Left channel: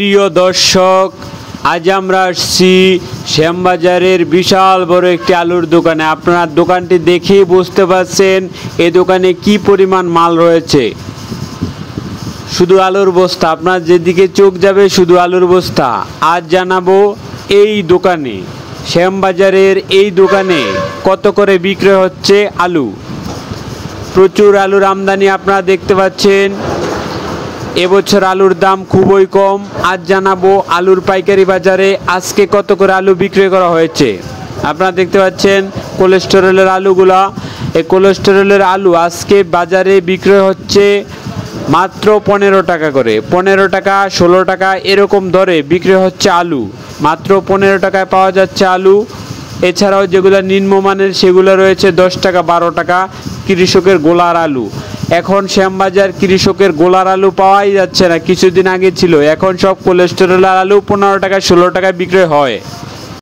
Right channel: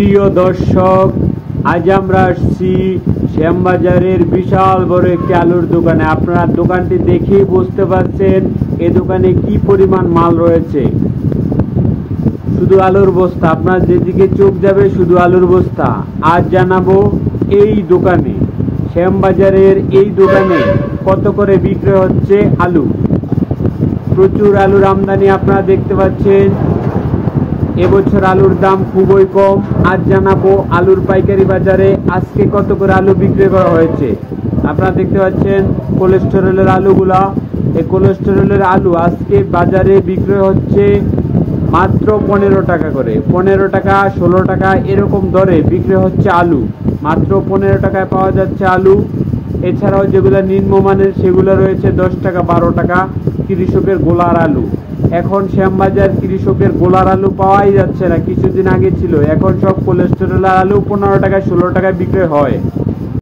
প্রিয় দর্শক, আজ আমরা আসছি শ্যামবাজারের বিশাল বড় একটি আলুর দোকানে। আপনারা দোকানটি দেখেই বুঝতে পারছেন এই দোকানে কি পরিমাণ মাল রয়েছে। শুধু আলুর বস্তা, আপনার যেদিকে চোখ যাবে শুধু আলুর বস্তা। আজ জানাবো এই দোকানে, শ্যামবাজারের এই দোকানে কত করে বিক্রয় হচ্ছে আলু। প্রচুর আলুর আমদানি আপনারা দেখতে পাচ্ছেন। এবছর আলুর দাম খুবই কম। আজ জানাবো আলুর পাইকারি বাজারে আজকে কত করে আলু বিক্রি করা হয়েছে। আপনারা দেখতে পাচ্ছেন কোলেস্টেরলের আলুগুলা। এই কোলেস্টেরলের আলু আজকে বাজারে বিক্রয় হচ্ছে মাত্র 15 টাকা করে। 15 টাকা, 16 টাকা এরকম দরে বিক্রি হচ্ছে আলু। মাত্র 15 টাকায় পাওয়া যাচ্ছে আলু। এছাড়াও যেগুলো নিম্নমানের সেগুলো রয়েছে 10 টাকা, 12 টাকা কৃষকের গোলার আলু। এখন শ্যামবাজার কৃষকের গোলার আলু পাওয়াই যাচ্ছে না। কিছুদিন আগে ছিল, এখন সব কোলেস্টেরলের আলু 15 টাকা, 16 টাকায় বিক্রয় হয়।